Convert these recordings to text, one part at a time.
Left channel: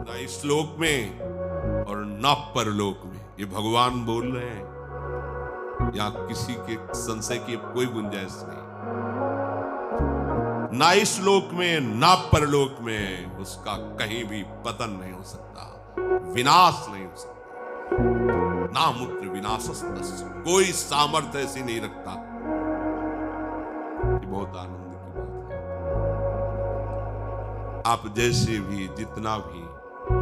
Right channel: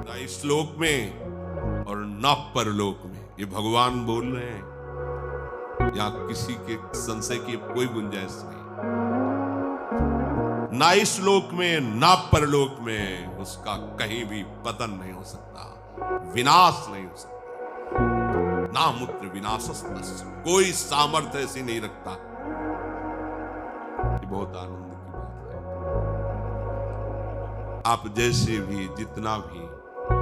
ना इस लोक में और ना परलोक में। ये भगवान बोल रहे हैं, यहां किसी के संशय की कोई गुंजाइश नहीं। ना इस लोक में ना परलोक में उसका कहीं भी पतन नहीं हो सकता, विनाश नहीं हो सकता। ना मूत्र विनाशस्तस्य, कोई सामर्थ्य ऐसी नहीं रखता। ये बहुत आनंद की बात है। आप जैसे भी जितना भी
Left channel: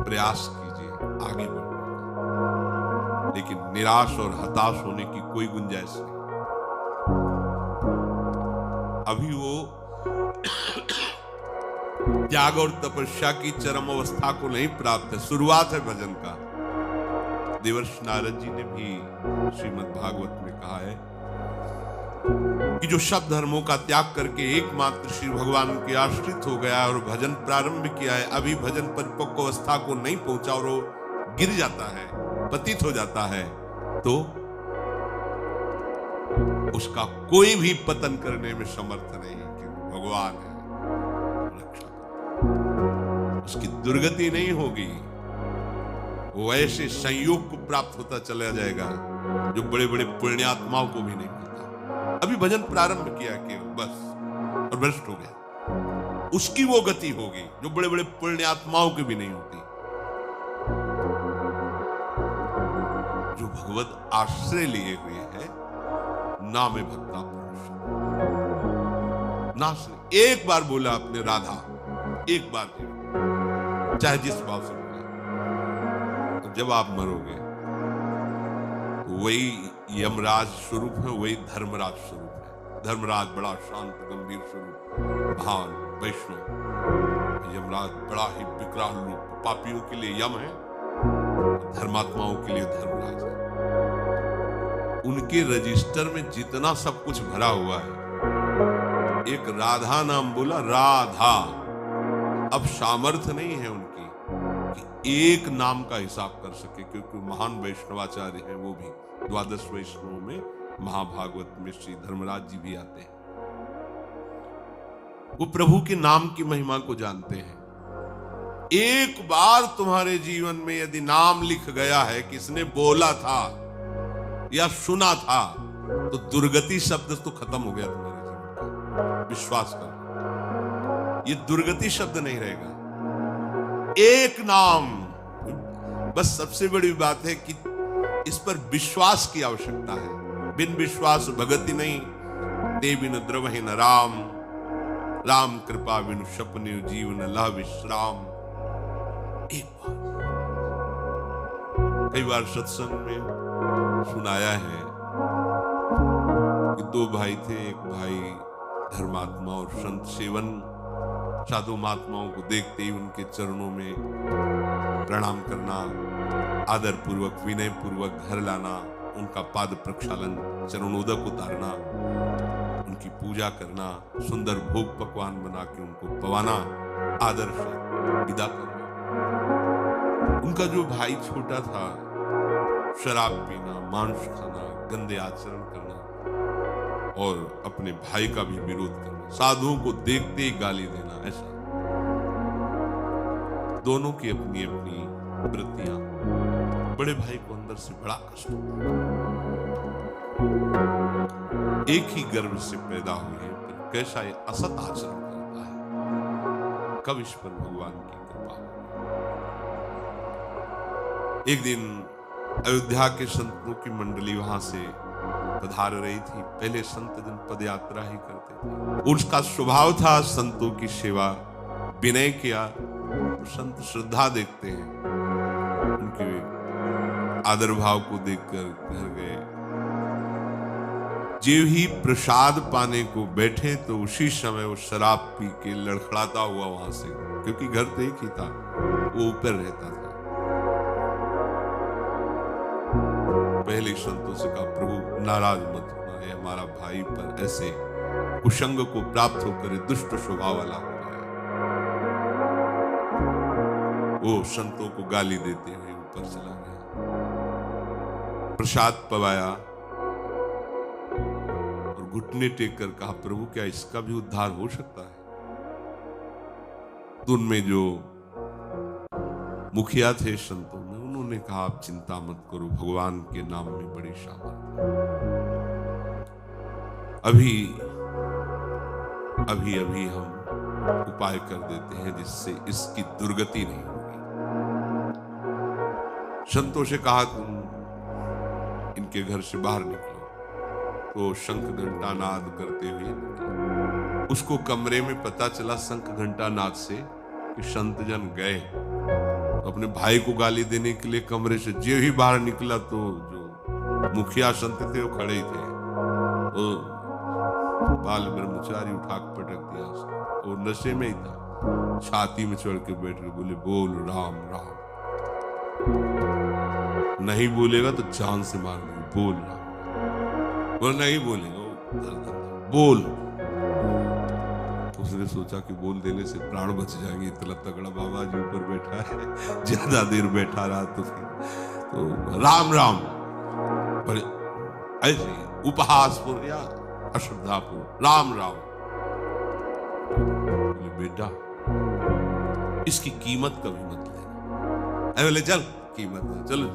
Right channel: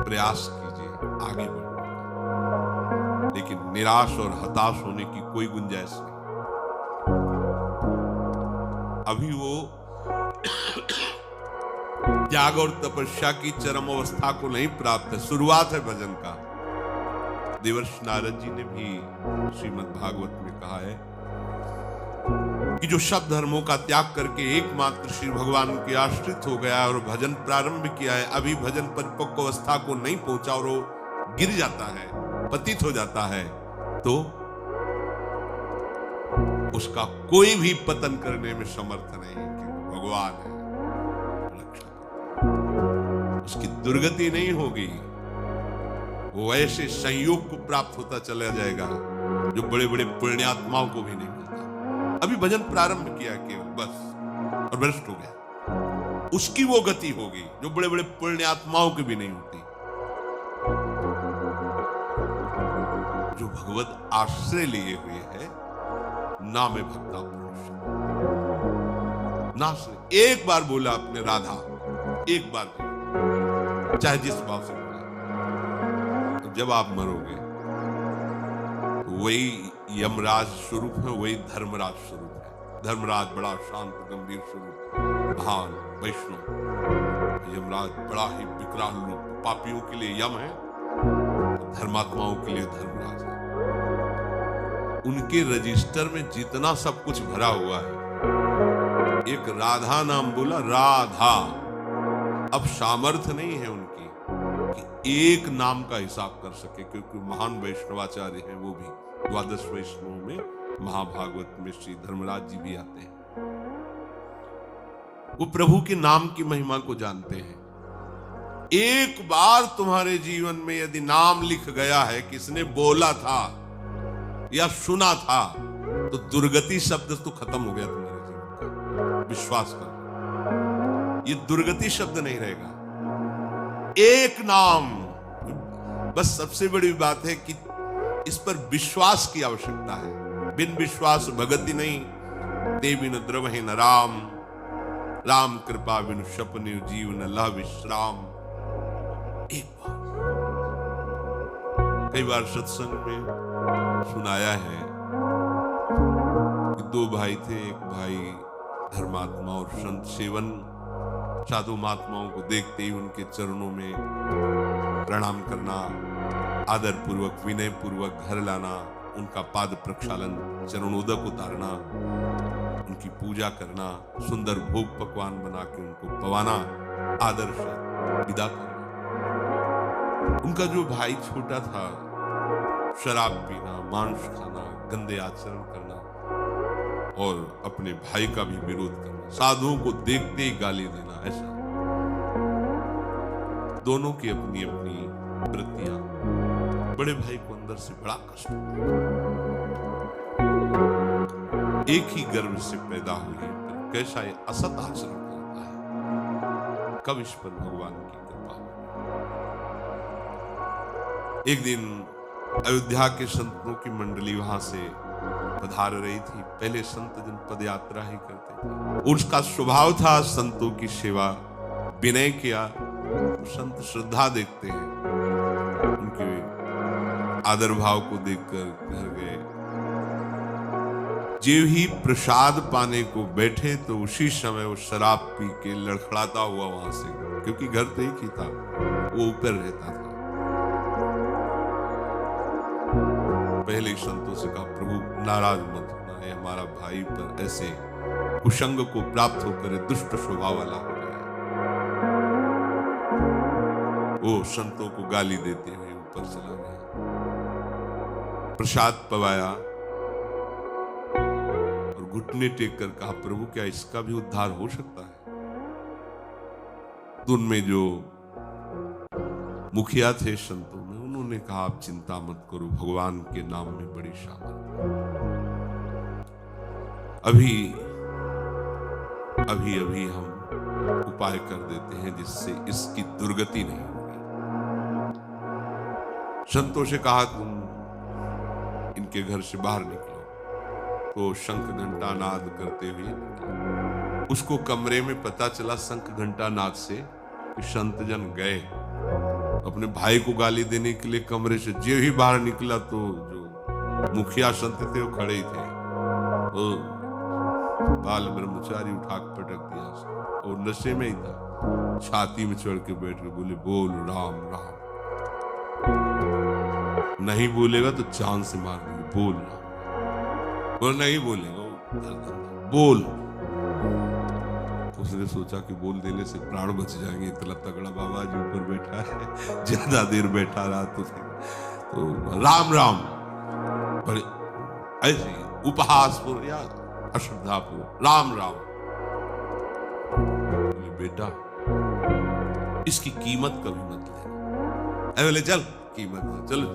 प्रयास कीजिए आगे बढ़ने का, लेकिन निराश और हताश होने की कोई गुंजाइश नहीं। अभी वो त्याग और तपस्या की चरम अवस्था को नहीं प्राप्त है, शुरुआत है भजन का। देवर्षि नारद जी ने भी श्रीमद् भागवत में कहा है कि जो सब धर्मों का त्याग करके एकमात्र श्री भगवान के आश्रित हो गया और भजन प्रारंभ किया है, अभी भजन परिपक्व अवस्था को नहीं पहुंचा और वो गिर जाता है, पतित हो जाता है, तो उसका कोई भी पतन करने में समर्थ नहीं, क्योंकि भगवान है रक्षक। उसकी दुर्गति नहीं होगी, वो ऐसे संयोग को प्राप्त होता चला जाएगा जो बड़े बड़े पुण्यात्माओं को भी नहीं मिलता। अभी भजन प्रारंभ किया केवल बस और भ्रष्ट हो गया, उसकी वो गति होगी जो बड़े बड़े पुण्यात्माओं की भी नहीं होती। जो भगवत आश्रय लिए हुए हैं, नाम भक्ता पुरुष, नाम से एक बार बोला अपने राधा, एक बार बोला, चाहे जिस बात से बोला, तो जब आप मरोगे तो वही यमराज स्वरूप है, वही धर्मराज स्वरूप है। धर्मराज बड़ा शांत गंभीर स्वरूप, महान वैष्णव। यमराज बड़ा ही विकराल रूप, पापियों के लिए यम है, धर्मात्माओं के लिए धर्मराज है। उनके रजिस्टर में जितना सब कुछ भरा हुआ है, एक राधा नाम बोला, राधा। अब सामर्थ्य नहीं है उनकी कि एक नाम का हिसाब कर सके, क्योंकि महान वैष्णवाचार्य हैं, वो भी द्वादश वैष्णवों में महाभागवत में श्री धर्मराज जी भी आते हैं। वो प्रभु के नाम की महिमा को जानते हैं। एक बार तुम्हारे जीवन में यदि नाम लिख गया है, किसने बोला था या सुना था, तो दुर्गति शब्द तो खत्म हो गया तुम्हारे जीवन का। विश्वास कर, ये दुर्गति शब्द नहीं रहेगा। एक नाम, बस सबसे बड़ी बात है कि इस पर विश्वास की आवश्यकता है। बिन विश्वास भगति नहीं, ते बिन द्रवहि न राम, राम कृपा बिन सपने जीवन ला विश्राम। एक बार, कई बार सत्संग में सुनाया है कि दो भाई थे, एक भाई धर्मात्मा और संत सेवन, साधु महात्माओं को देखते ही उनके चरणों में प्रणाम करना, आदर पूर्वक विनय पूर्वक घर लाना, उनका पाद प्रक्षालन, चरणोदक उतारना, उनकी पूजा करना, सुंदर भोग पकवान बना के उनको पवाना, आदर से विदा करना। उनका जो भाई छोटा था, शराब पीना, मांस खाना, गंदे आचरण करना और अपने भाई का भी विरोध करना, साधुओं को देखते ही गाली देना, ऐसा। दोनों की अपनी अपनी वृत्तियां। बड़े भाई को अंदर से बड़ा कष्ट, एक ही गर्भ से पैदा हुए, पर कैसा ये असत आचरण करता है। कब इस पर भगवान की कृपा। एक दिन अयोध्या के संतों की मंडली वहां से पधार रही थी। पहले संत जन पद यात्रा ही करते थे, उसका स्वभाव था संतों की सेवा। विनय किया तो संत श्रद्धा देखते हैं, उनके आदर भाव को देखकर घर गए। जीव ही प्रसाद पाने को बैठे तो उसी समय वो शराब पी के लड़खड़ाता हुआ वहां से, क्योंकि घर तो एक ही था, वो ऊपर रहता था। पहले संतों से कहा, प्रभु नाराज मत होना, ये हमारा भाई पर ऐसे कुसंग को प्राप्त होकर दुष्ट स्वभाव वाला हो गया। वो संतों को गाली देते हुए ऊपर चला गया, प्रसाद पवाया और घुटने टेक कर कहा, प्रभु क्या इसका भी उद्धार हो सकता है? तो उनमें जो मुखिया थे संतों में, उन्होंने कहा आप चिंता मत करो, भगवान के नाम में बड़ी सामर्थ्य। अभी अभी अभी हम उपाय कर देते हैं जिससे इसकी दुर्गति नहीं होगी। संतों से कहा तुम इनके घर से बाहर निकलो, तो शंख घंटा नाद करते हुए निकला। उसको कमरे में पता चला शंख घंटा नाद से कि संत जन गए। अपने भाई को गाली देने के लिए कमरे से जे ही बाहर निकला तो जो मुखिया संत थे वो खड़े ही थे। बाल ब्रह्मचारी उठा पटक दिया और नशे में ही था, छाती में चढ़ के बैठ के बोले बोल राम राम। नहीं बोलेगा तो जान से मार देंगे, बोल राम। और नहीं बोलेगा बोल। उसने सोचा कि बोल देने से प्राण बच जाएंगे, इतना तगड़ा बाबा जी ऊपर बैठा है, ज्यादा देर बैठा रहा तो राम राम। ऐसे उपहासपूर्ण या अश्रद्धापूर्ण राम राम। बेटा इसकी कीमत कभी मत ले। बोले चल कीमत चलो।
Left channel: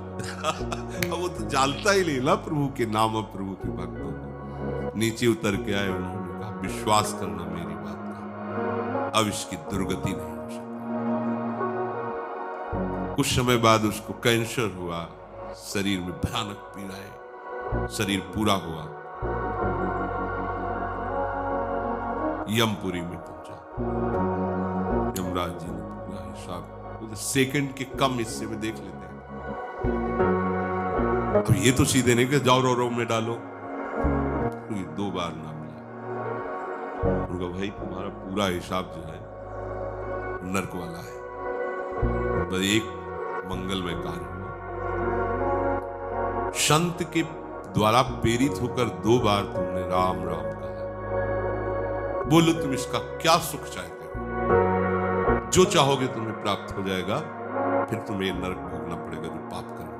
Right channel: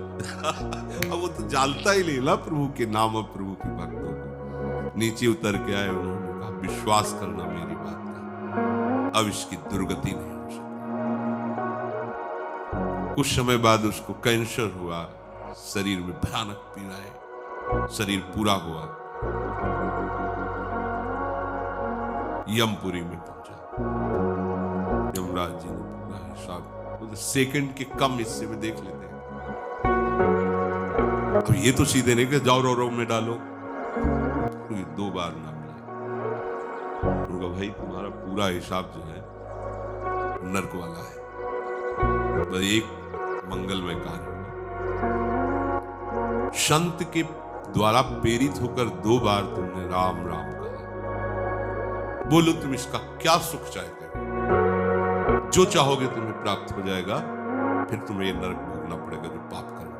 वो तो जानता ही नहीं ना प्रभु के नाम और प्रभु के भक्तों को। नीचे उतर के आए, उन्होंने कहा विश्वास करना मेरी बात का, अब इसकी दुर्गति नहीं हो सकती। कुछ समय बाद उसको कैंसर हुआ, शरीर में भयानक पीड़ाएं, शरीर पूरा हुआ, यमपुरी में पहुंचा। यमराज जी ने पूरा हिसाब सेकंड के कम हिस्से में देख लेते हैं। तो ये तो सीधे नहीं कि जाओ रो में डालो, 2 बार नाम लिया। उनका भाई तुम्हारा पूरा हिसाब जो है नर्क वाला है, बस एक मंगलमय कार्य। संत के द्वारा प्रेरित होकर 2 बार तुमने राम राम कहा, बोलो तुम इसका क्या सुख चाहते हो? जो चाहोगे तुम्हें प्राप्त हो जाएगा, फिर तुम्हें नरक भोगना पड़ेगा जो पाप करोगे।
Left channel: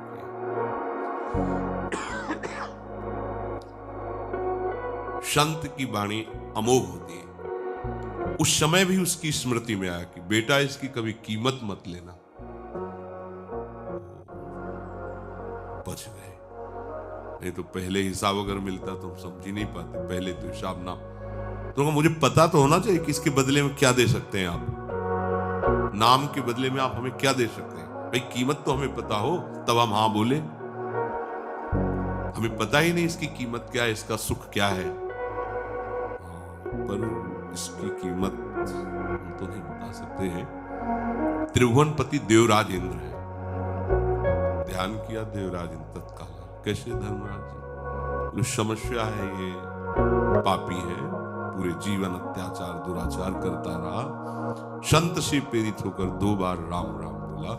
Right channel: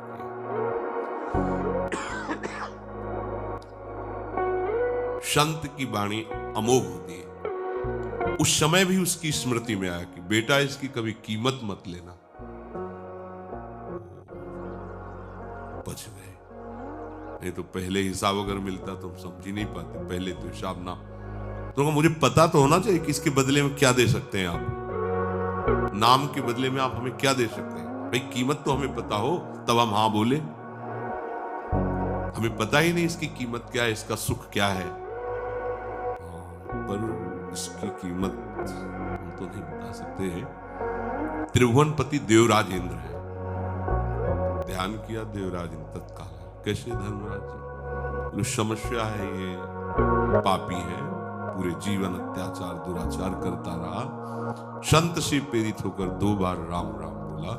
संत की वाणी अमोघ होती है। उस समय भी उसकी स्मृति में आया कि बेटा इसकी कभी कीमत मत लेना। बच गए, नहीं तो पहले हिसाब अगर मिलता तो समझ ही नहीं पाते। पहले तो हिसाब ना, तो मुझे पता तो होना चाहिए कि इसके बदले में क्या दे सकते हैं आप। नाम के बदले में आप हमें क्या दे सकते हैं भाई? कीमत तो हमें पता हो तब हम हाँ बोले। हमें पता ही नहीं इसकी कीमत क्या है, इसका सुख क्या है, पर इसकी कीमत तो नहीं बता सकते। त्रिभुवनपति देवराज इंद्र है। ध्यान किया देवराज इंद्र तत्काल कैसे धर्मराज जी, समस्या है, ये पापी है, पूरे जीवन अत्याचार दुराचार करता रहा, संत से प्रेरित होकर 2 बार राम राम बोला।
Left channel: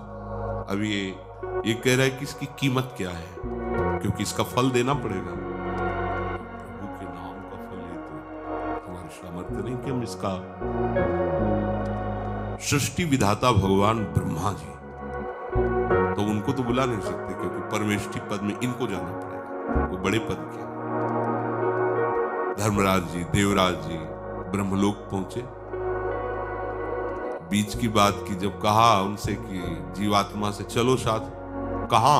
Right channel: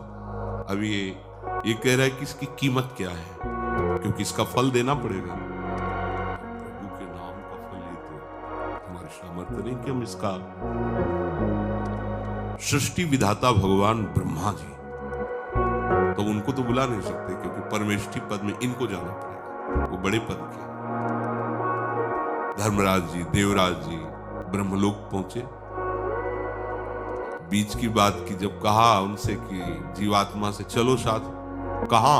अब ये कह रहा है कि इसकी कीमत क्या है, क्योंकि इसका फल देना पड़ेगा। प्रभु के नाम का फल है, तो हमारी सामर्थ्य नहीं कि हम इसका। सृष्टि विधाता भगवान ब्रह्मा जी, तो उनको तो बुला नहीं सकते क्योंकि परमेष्ठी पद में इनको जाना पड़ेगा, वो बड़े पद के। धर्मराज जी, देवराज जी ब्रह्मलोक पहुंचे। बीच की बात की जब कहा उनसे कि जीवात्मा से चलो साथ, कहा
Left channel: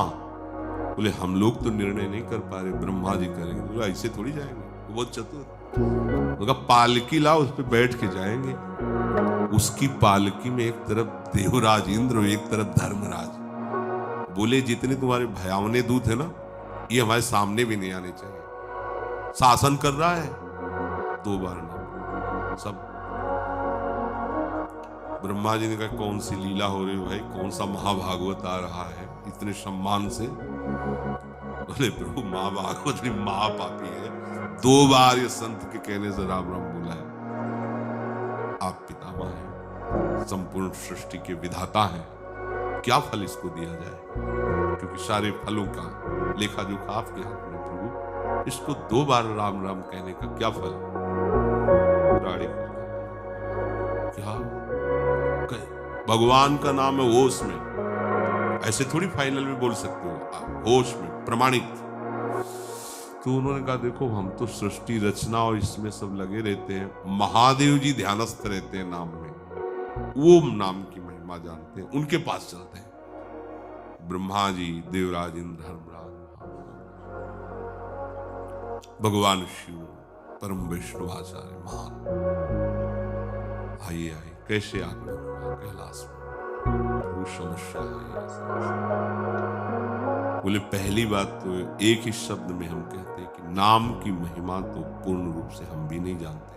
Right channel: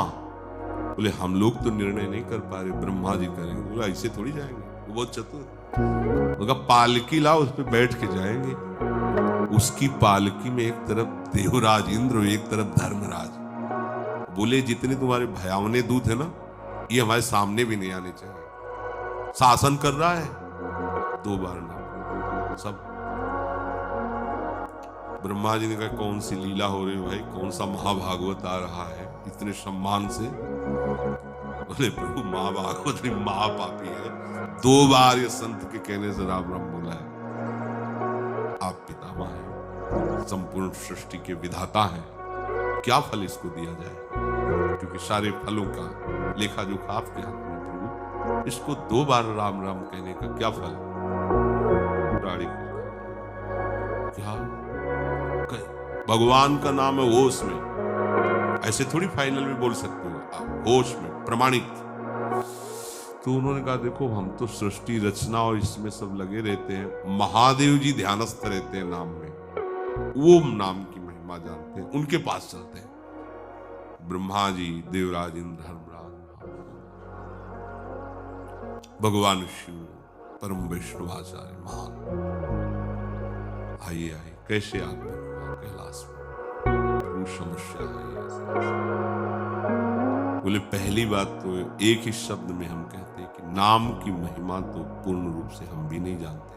बोले हम लोग तो निर्णय नहीं कर पा रहे, ब्रह्मा जी करेंगे। बोले ऐसे थोड़ी जाएंगे, वो चतुर। बोला पालकी लाओ, उस पर बैठ के जाएंगे। उसकी पालकी में एक तरफ देवराज इंद्र और एक तरफ धर्मराज। बोले जितने तुम्हारे भयावने दूत है ना, ये हमारे सामने भी नहीं आने चाहिए। शासन कर रहा है 2 बार ना सब। ब्रह्मा जी ने कहा कौन सी लीला हो रही भाई, कौन सा महाभागवत आ रहा है इतने सम्मान से। बोले प्रभु महाभागवत ने महापापी है, 2 बार ये संत के कहने से राम राम बोला है। आप पितामह हैं, संपूर्ण सृष्टि के विधाता हैं, क्या फल इसको दिया जाए, क्योंकि सारे फलों का लेखा जोखा आपके हाथ में प्रभु। इसको 2 बार राम राम कहने का क्या फल? क्या भगवान का नाम है होश में, ऐसे थोड़ी फाइनल में बोल सकते हो, होश में प्रमाणित। तो उन्होंने कहा देखो हम तो सृष्टि रचना और इसमें सब लगे रहते हैं, महादेव जी ध्यानस्थ रहते हैं नाम में, वो नाम की महिमा जानते हैं, उनके पास चलते हैं। ब्रह्मा जी, देवराज इंद्र, धर्मराज, भगवान शिव, परम वैष्णवाचार्य महान। आइए आइए, कैसे आत्मा कैलाश में समस्या है। बोले पहली बात तो एक ही शब्द में हम कहते हैं कि नाम की महिमा तो पूर्ण रूप से हम भी नहीं जानते,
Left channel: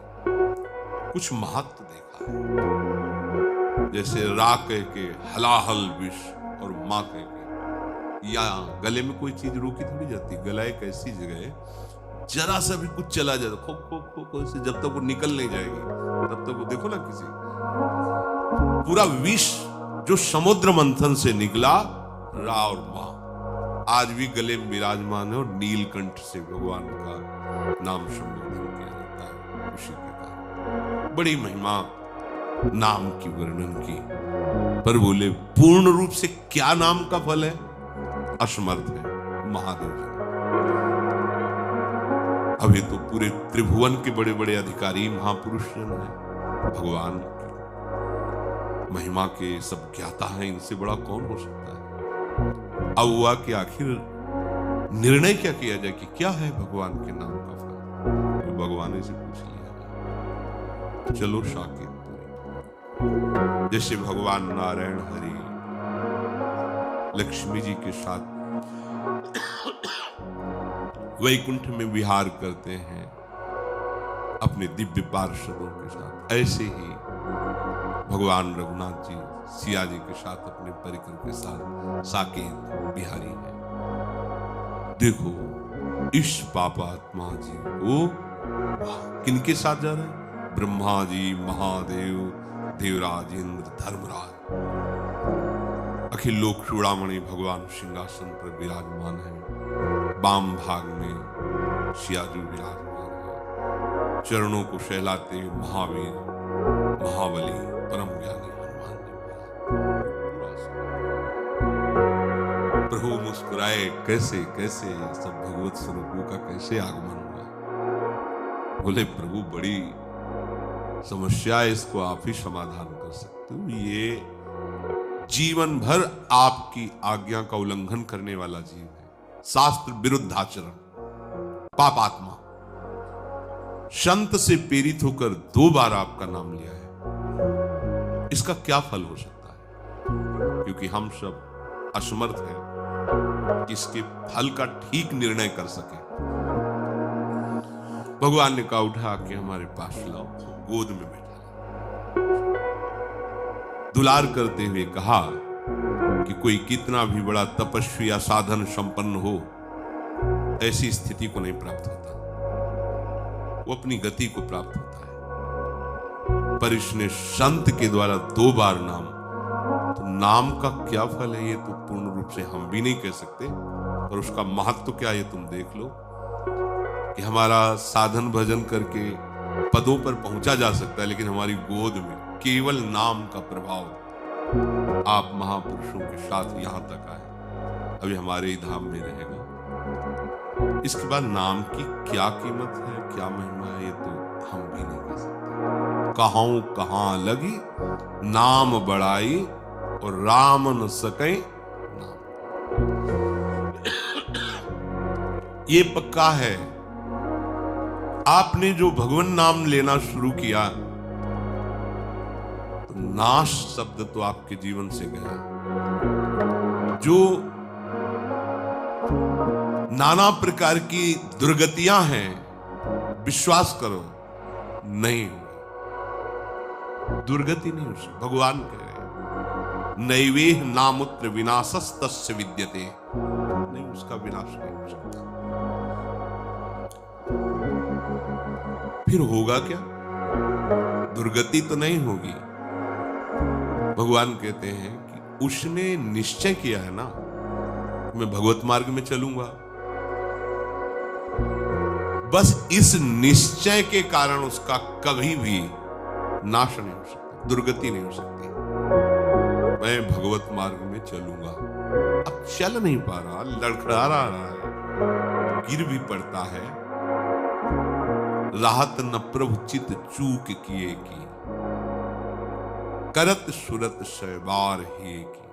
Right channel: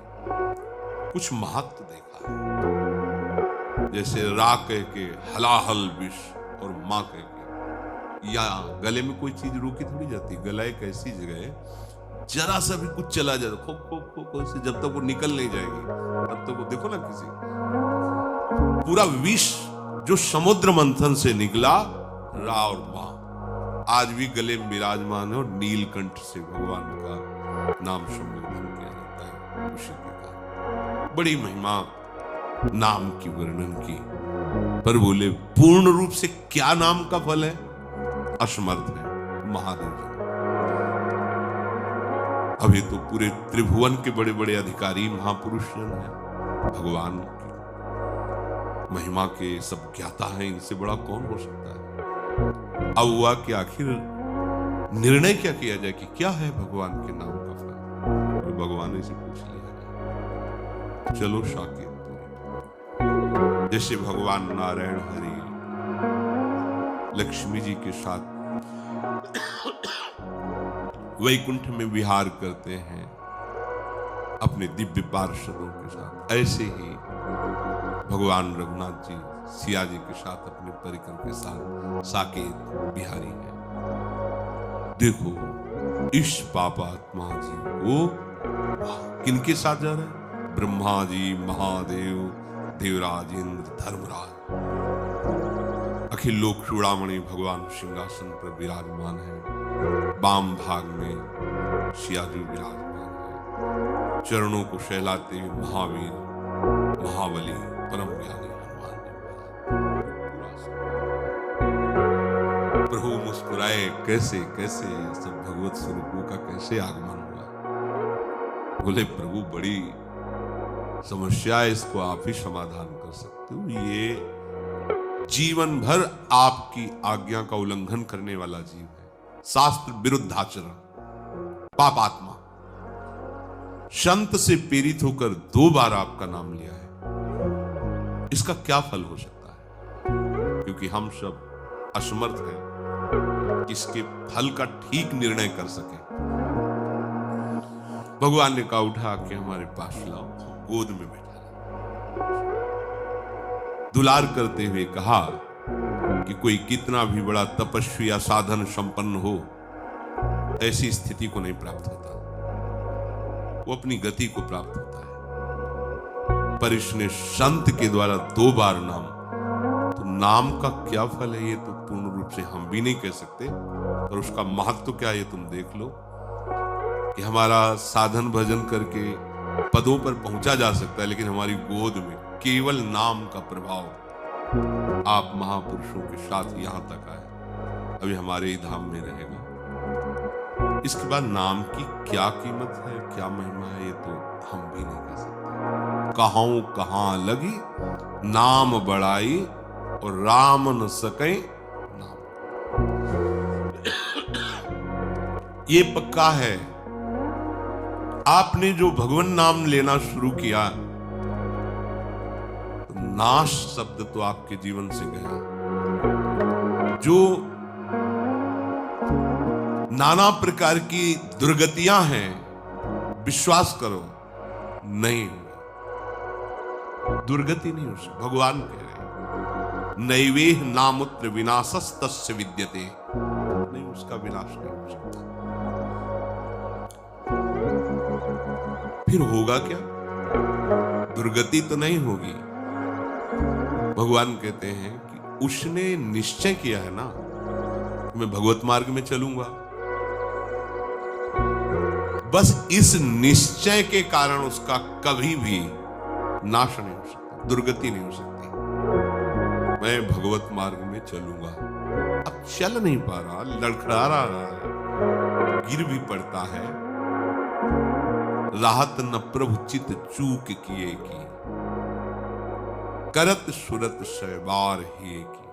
कुछ महत्व देखा है। जैसे रा कह के हलाहल विष और माँ कह के, या गले में कोई चीज रोकी तो नहीं जाती। गला एक ऐसी जगह है, जरा सा भी कुछ चला जाए खो खो खो खो से, जब तक वो निकल नहीं जाएगी तब तक वो देखो ना, किसी पूरा विष जो समुद्र मंथन से निकला, रा और माँ आज भी गले में विराजमान है। और नीलकंठ से भगवान का नाम संबोधन किया जाता है। उसी के कारण बड़ी महिमा नाम की वर्णन की। पर बोले पूर्ण रूप से क्या नाम का फल है? असमर्थ है महादेव जी। अभी तो पूरे त्रिभुवन के बड़े बड़े अधिकारी महापुरुष हैं, भगवान की महिमा के सब ज्ञाता हैं, इनसे बड़ा कौन हो सकता है। अब हुआ कि आखिर निर्णय क्या किया जाए कि क्या है भगवान के नाम का फल। तो भगवान से पूछ लिया, चलो शाकिर, जैसे भगवान नारायण हरि लक्ष्मी जी के साथ वैकुंठ में विहार करते हैं अपने दिव्य पार्षदों के साथ, ऐसे ही भगवान रघुनाथ जी सिया जी के साथ अपने परिकर के साथ साकेत बिहारी हैं। देखो इस पापात्मा जी वो किन के साथ जा रहे हैं? ब्रह्मा जी, महादेव, देवराज इंद्र, धर्मराज, अखिल लोक चूड़ामणि भगवान सिंहासन पर विराजमान है। वाम भाग में सिया जी विराजमान है। चरणों को सहलाते महावीर, महाबली, परम ज्ञानी हनुमान जी। प्रभु मुस्कुराए, कैसे कैसे सब भगवत स्वरूपों का कैसे आगमन हुआ। बोले प्रभु बड़ी समस्या है, इसको आप ही समाधान कर सकते हो। ये जीवन भर आपकी आज्ञा का उल्लंघन करने वाला जीव है, शास्त्र विरुद्ध आचरण, पापात्मा, संत से प्रेरित होकर 2 बार आपका नाम लिया है। इसका क्या फल हो सकता है? क्योंकि हम सब असमर्थ हैं इसके फल का ठीक निर्णय कर सके। भगवान ने कहा उठा के हमारे पास लाओ, गोद में बैठा, दुलार करते हुए कहा कि कोई कितना भी बड़ा तपस्वी या साधन संपन्न हो, ऐसी स्थिति को नहीं प्राप्त होता, वो अपनी गति को प्राप्त होता है। पर इसने संत के द्वारा 2 बार नाम, तो नाम का क्या फल है ये तो पूर्ण रूप से हम भी नहीं कह सकते। और उसका महत्व क्या है तुम देख लो कि हमारा साधन भजन करके पदों पर पहुंचा जा सकता है, लेकिन हमारी गोद में केवल नाम का प्रभाव आप महापुरुषों के साथ यहां तक आए, अभी हमारे ही धाम में रहेगा। इसके बाद नाम की क्या कीमत है, क्या महिमा है, ये तो हम भी नहीं कह सकते। कहां कहां लगी नाम बढ़ाई और राम न सके ये पक्का है। आपने जो भगवान नाम लेना शुरू किया, तो नाश शब्द तो आपके जीवन से गया। जो नाना प्रकार की दुर्गतियां हैं, विश्वास करो नहीं, दुर्गति नहीं हो सकती। भगवान कह रहे नैवेह नामुत्र विनाशस्तस्य विद्यते, नहीं उसका विनाश नहीं हो सकता। फिर होगा क्या? दुर्गति तो नहीं होगी। भगवान कहते हैं कि उसने निश्चय किया है ना, मैं भगवत मार्ग में चलूंगा, बस इस निश्चय के कारण उसका कभी भी नाश नहीं हो सकता, दुर्गति नहीं हो सकती। मैं भगवत मार्ग में चलूंगा, अब चल नहीं पा रहा, लड़खड़ा रहा है, गिर भी पड़ता है, राहत न प्रभु चित चूक किए की, करत सुरत सहबार ही की।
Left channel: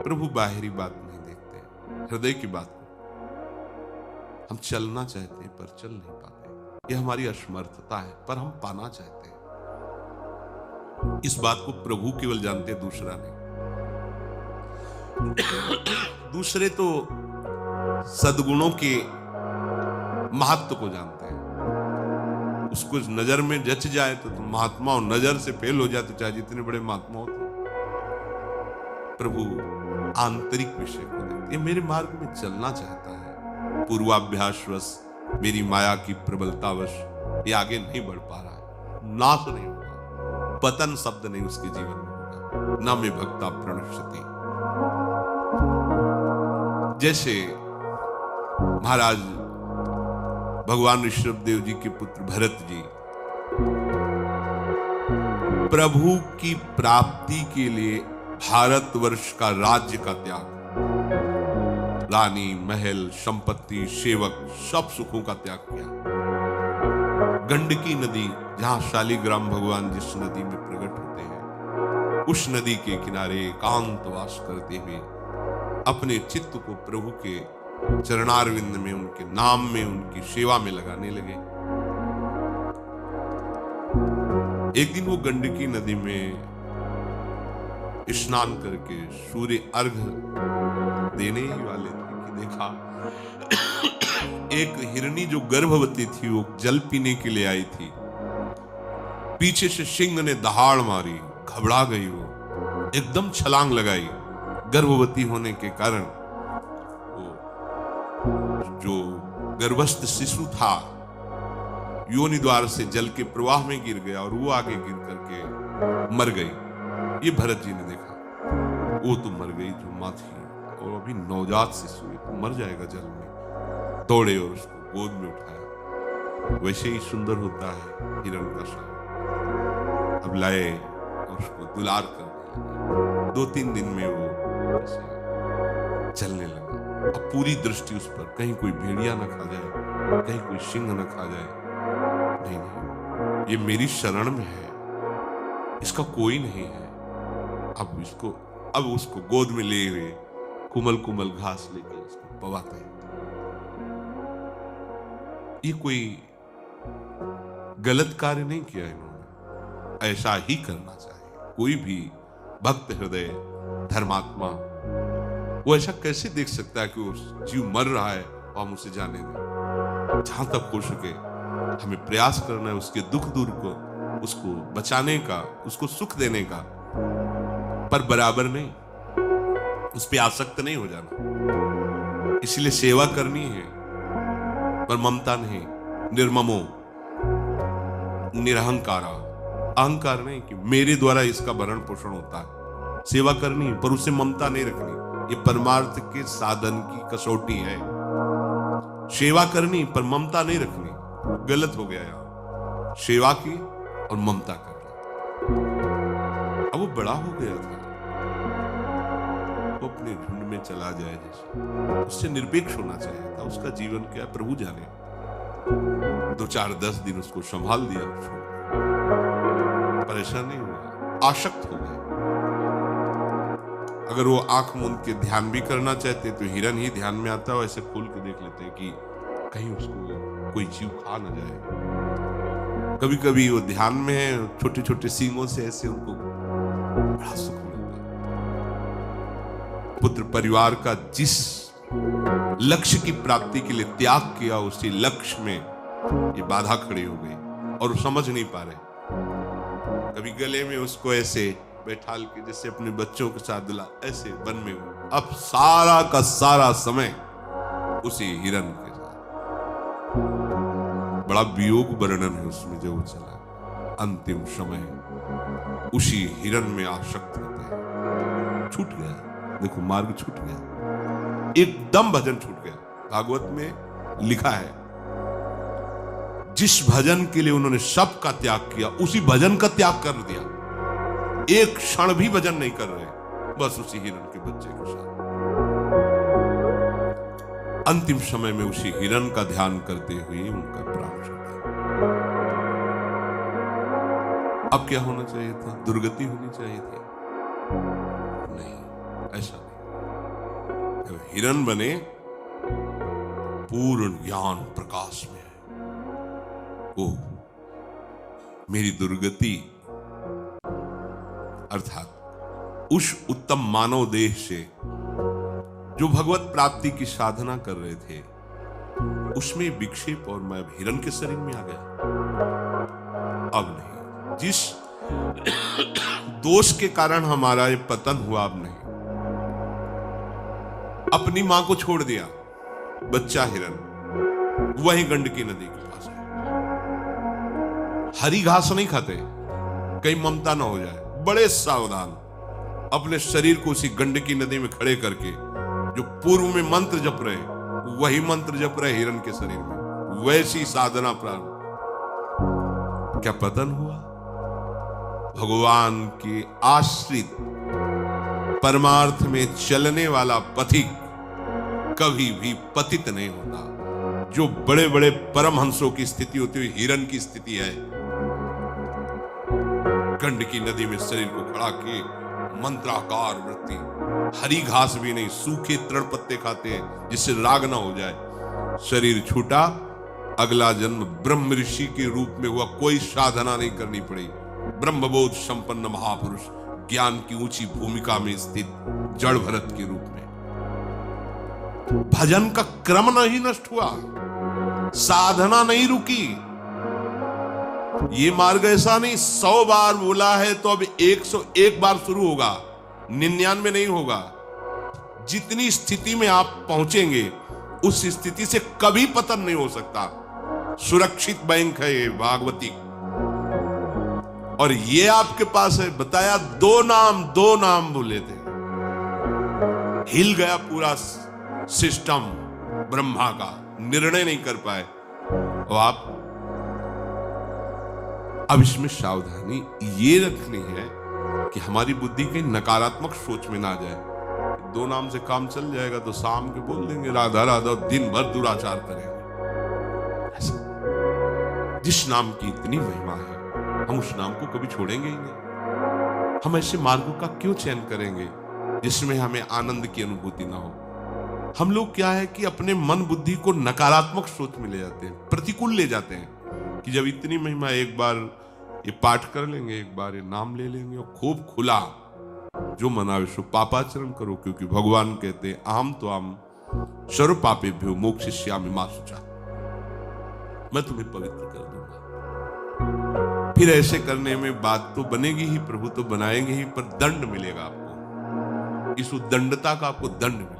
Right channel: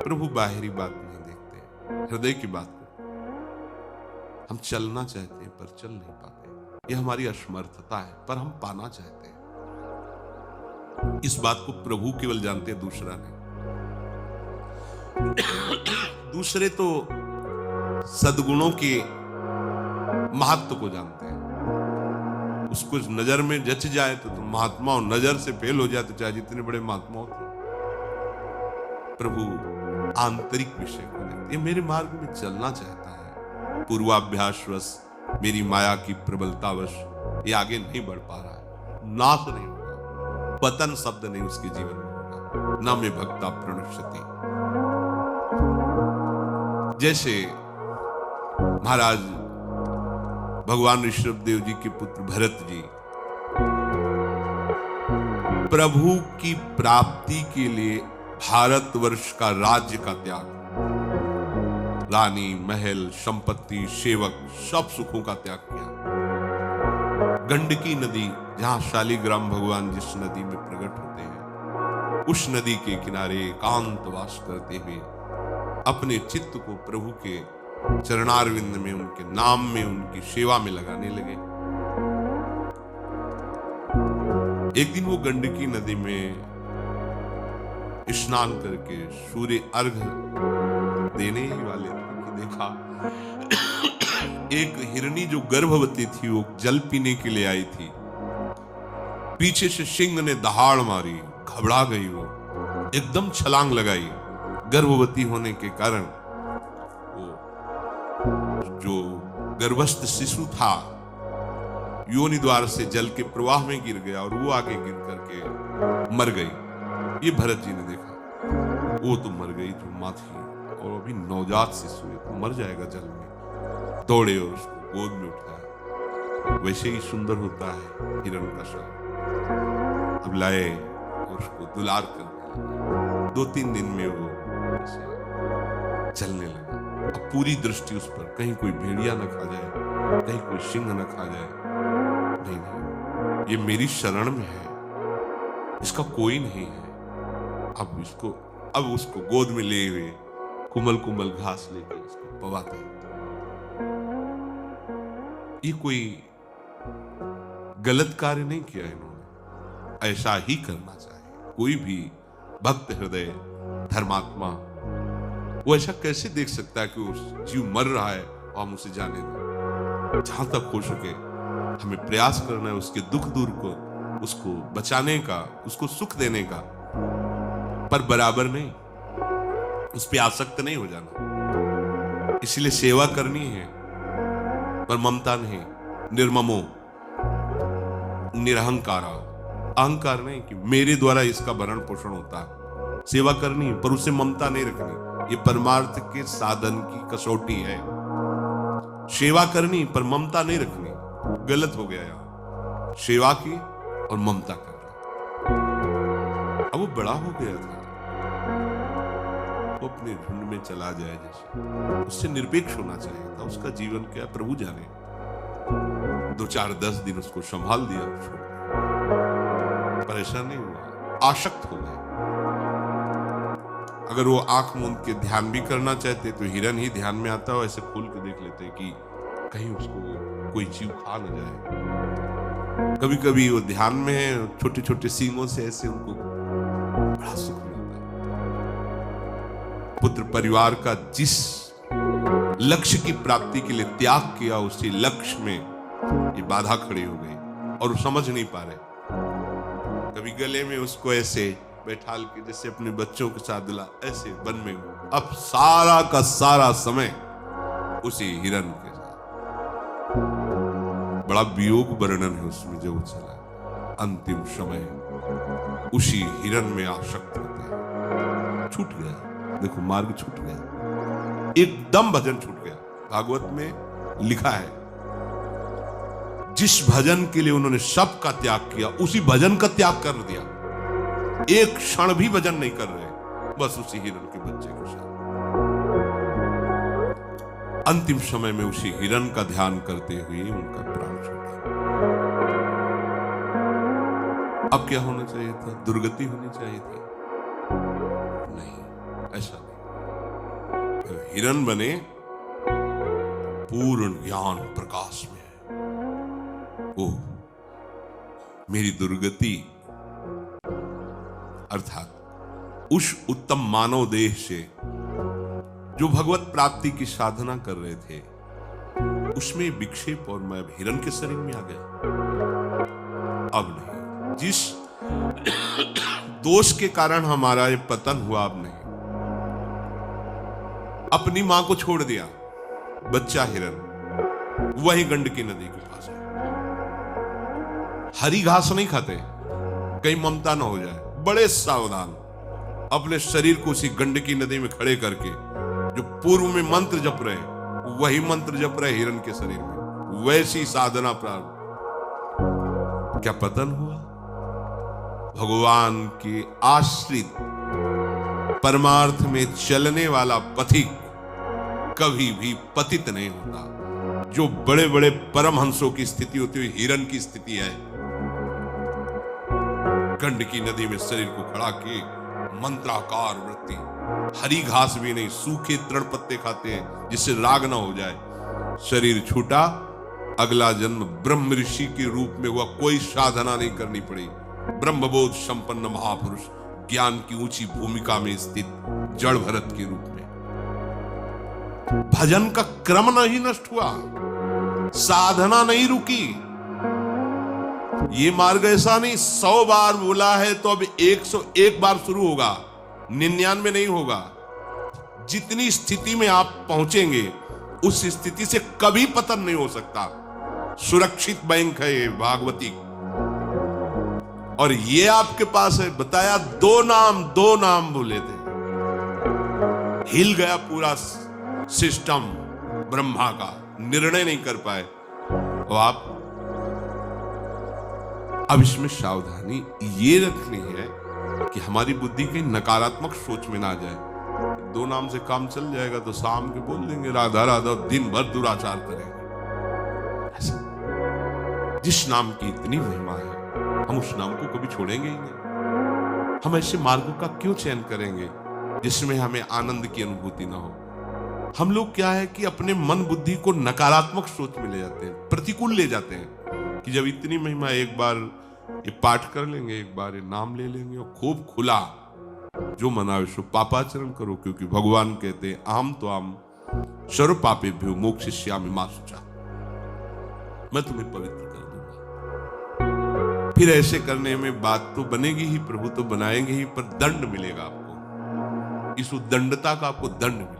प्रभु बाहरी बात नहीं देखते, हृदय की बात को। हम चलना चाहते हैं पर चल नहीं पाते, यह हमारी असमर्थता है, पर हम पाना चाहते हैं। इस बात को प्रभु केवल जानते हैं, दूसरा नहीं। दूसरे तो सद्गुणों के महत्व को जानते हैं, उसको नजर में जच जाए तो महात्मा, और नजर से फेल हो जाए तो चाहे जितने बड़े महात्मा होते। प्रभु आंतरिक विषय को देखते, ये मेरे मार्ग में चलना चाहता है, पूर्वाभ्यासवश, मेरी माया की प्रबलतावश ये आगे नहीं बढ़ पा रहा है, नाश नहीं होगा, पतन शब्द नहीं उसके जीवन में होगा, न में भक्ता प्रणश्यति। जैसे महाराज भगवान ऋषभदेव जी के पुत्र भरत जी प्रभु की प्राप्ति के लिए भारतवर्ष का राज्य का त्याग, रानी, महल, संपत्ति, सेवक, सब सुखों का त्याग किया। गंडकी नदी, जहां शालिग्राम भगवान जिस नदी में प्रकट होते हैं, उस नदी के किनारे एकांतवास करते हुए अपने चित्त को प्रभु के चरणारविंद में, उनके नाम में, उनकी सेवा में लगाने लगे। एक दिन वो गंडकी नदी में स्नान करके सूर्य अर्घ देने ही वाले थे कि देखा एक हिरनी जो गर्भवती थी, वो जल पीने के लिए आई थी। पीछे से सिंह ने दहाड़ मारी, घबरा गई, वो एकदम छलांग लगाई। गर्भवती होने के कारण वो जो गर्भस्थ शिशु था योनि द्वार से जल के प्रवाह में गिर गया और वो आगे गिर करके मर गई। ये भरत जी ने देखा, वो तो मर गई जो माँ थी, और अभी नवजात शिशु तो मर जाएगा जल में। दौड़े, उसको गोद में उठाया। वैसे ही सुंदर होता है हिरण्यकश्यप। अब लाए, उसको दुलार करने लगे। 2-3 दिन में वो चलने लगा। अब पूरी दृष्टि उस पर, कहीं कोई भेड़िया न खा जाए, कहीं कोई सिंह न खा जाए। नहीं, ये मेरी शरण में है, इसका कोई नहीं है। अब उसको गोद में ले हुए कुमल कुमल घास लेकर उसको पवाते। ये कोई गलत कार्य नहीं किया इन्होंने, ऐसा ही करना चाहिए। कोई भी भक्त हृदय धर्मात्मा वो ऐसा कैसे देख सकता है कि वो जीव मर रहा है और हम उसे जाने दें। जहां तक हो सके हमें प्रयास करना है उसके दुख दूर को, उसको बचाने का, उसको सुख देने का, पर बराबर नहीं, उस पे आसक्त नहीं हो जाना। इसलिए सेवा करनी है, पर ममता नहीं, निर्ममो, निरहंकारा, अहंकार नहीं कि मेरे द्वारा इसका भरण पोषण होता है। सेवा करनी है पर उससे ममता नहीं रखनी। ये परमार्थ के साधन की कसौटी है। सेवा करनी पर ममता नहीं रखनी, गलत हो गया यहाँ। सेवा की और ममता करनी। अब वो बड़ा हो गया था, वो अपने झुंड में चला जाए, जैसे उससे निरपेक्ष होना चाहिए था। उसका जीवन क्या प्रभु जाने। 2-4-10 दिन उसको संभाल दिया, परेशान नहीं हुआ, आसक्त हो गया। अगर वो आंख मूंद के ध्यान भी करना चाहते तो हिरन ही ध्यान में आता है, ऐसे खोल के देख लेते कि कहीं उसको कोई जीव खा न जाए। कभी कभी वो ध्यान में छोटे छोटे सींगों से ऐसे उनको बड़ा सुख मिलता। पुत्र परिवार का जिस लक्ष्य की प्राप्ति के लिए त्याग किया, उसी लक्ष्य में ये बाधा खड़ी हो गई और समझ नहीं पा रहे। कभी गले में उसको ऐसे बैठाल के जैसे अपने बच्चों के साथ दिला, ऐसे वन में हो। अब सारा का सारा समय उसी हिरन के साथ। बड़ा वियोग वर्णन है उसमें जब वो चला। अंतिम समय उसी हिरन में आसक्त रहते हैं। छूट गया, देखो मार्ग छूट गया, एकदम भजन छूट गया। भागवत में लिखा है जिस भजन के लिए उन्होंने सब का त्याग किया, उसी भजन का त्याग कर दिया। एक क्षण भी भजन नहीं कर रहे, बस उसी हिरन के बच्चे के साथ। अंतिम समय में उसी हिरन का ध्यान करते हुए उनका प्राण छूटा। अब क्या होना चाहिए था? दुर्गति होनी चाहिए थी? नहीं, ऐसा नहीं। हिरण बने पूर्ण ज्ञान प्रकाश में। ओ मेरी दुर्गति अर्थात उस उत्तम मानव देह से जो भगवत प्राप्ति की साधना कर रहे थे, उसमें विक्षेप और मैं हिरण के शरीर में आ गया। अब नहीं, जिस दोष के कारण हमारा ये पतन हुआ, अब नहीं। अपनी मां को छोड़ दिया, बच्चा हिरण वही गंडकी नदी के पास है। हरी घास नहीं खाते, कहीं ममता न हो जाए, बड़े सावधान अपने शरीर को उसी गंडकी नदी में खड़े करके जो पूर्व में मंत्र जप रहे, वही मंत्र जप रहे हिरण के शरीर में, वैसी साधना प्रारंभ। क्या पतन हुआ? भगवान की आश्रित परमार्थ में चलने वाला पथिक कभी भी पतित नहीं होता। जो बड़े बड़े परमहंसों की स्थिति होती हुई हिरण की स्थिति है, गंडकी नदी में शरीर को खड़ा किए, मंत्राकार वृत्ति, हरी घास भी नहीं, सूखे तृण पत्ते खाते हैं जिससे राग ना हो जाए। शरीर छूटा, अगला जन्म ब्रह्म ऋषि के रूप में हुआ, कोई साधना नहीं करनी पड़ी। ब्रह्मबोध संपन्न महापुरुष, ज्ञान की ऊंची भूमिका में स्थित जड़ भरत के रूप में। भजन का क्रम नहीं नष्ट हुआ, साधना नहीं रुकी। ये मार्ग ऐसा नहीं 100 बार बोला है तो अब 101 बार शुरू होगा, 99 नहीं होगा। जितनी स्थिति में आप पहुंचेंगे उस स्थिति से कभी पतन नहीं हो सकता। सुरक्षित बैंक है ये भागवती, और ये आपके पास है। बताया दो नाम बोले थे, हिल गया पूरा सिस्टम ब्रह्मा का, निर्णय नहीं कर पाए। और आप अब इसमें सावधानी ये रखनी है कि हमारी बुद्धि की नकारात्मक सोच में ना जाए। 2 नाम से काम चल जाएगा तो शाम के बोल देंगे राधा राधा, दिन भर दुराचार करेंगे। जिस नाम की इतनी महिमा है, हम उस नाम को कभी छोड़ेंगे ही नहीं। हम ऐसे मार्ग का क्यों चयन करेंगे जिसमें हमें आनंद की अनुभूति ना हो? हम लोग क्या है कि अपने मन बुद्धि को नकारात्मक सोच में ले जाते हैं, प्रतिकूल ले जाते हैं कि जब इतनी महिमा, एक बार ये पाठ कर लेंगे, एक बार ये नाम ले लेंगे और खूब खुला जो मनावे सो पापाचरण करो, क्योंकि भगवान कहते हैं आम तो आम सर्व पापेभ्यो मोक्षयिष्यामि मा शुचः, मैं तुम्हें पवित्र कर दूंगा। फिर ऐसे करने में बात तो बनेगी ही, प्रभु तो बनाएंगे ही, पर दंड मिलेगा आपको। इस उद्दंडता का आपको दंड मिलेगा।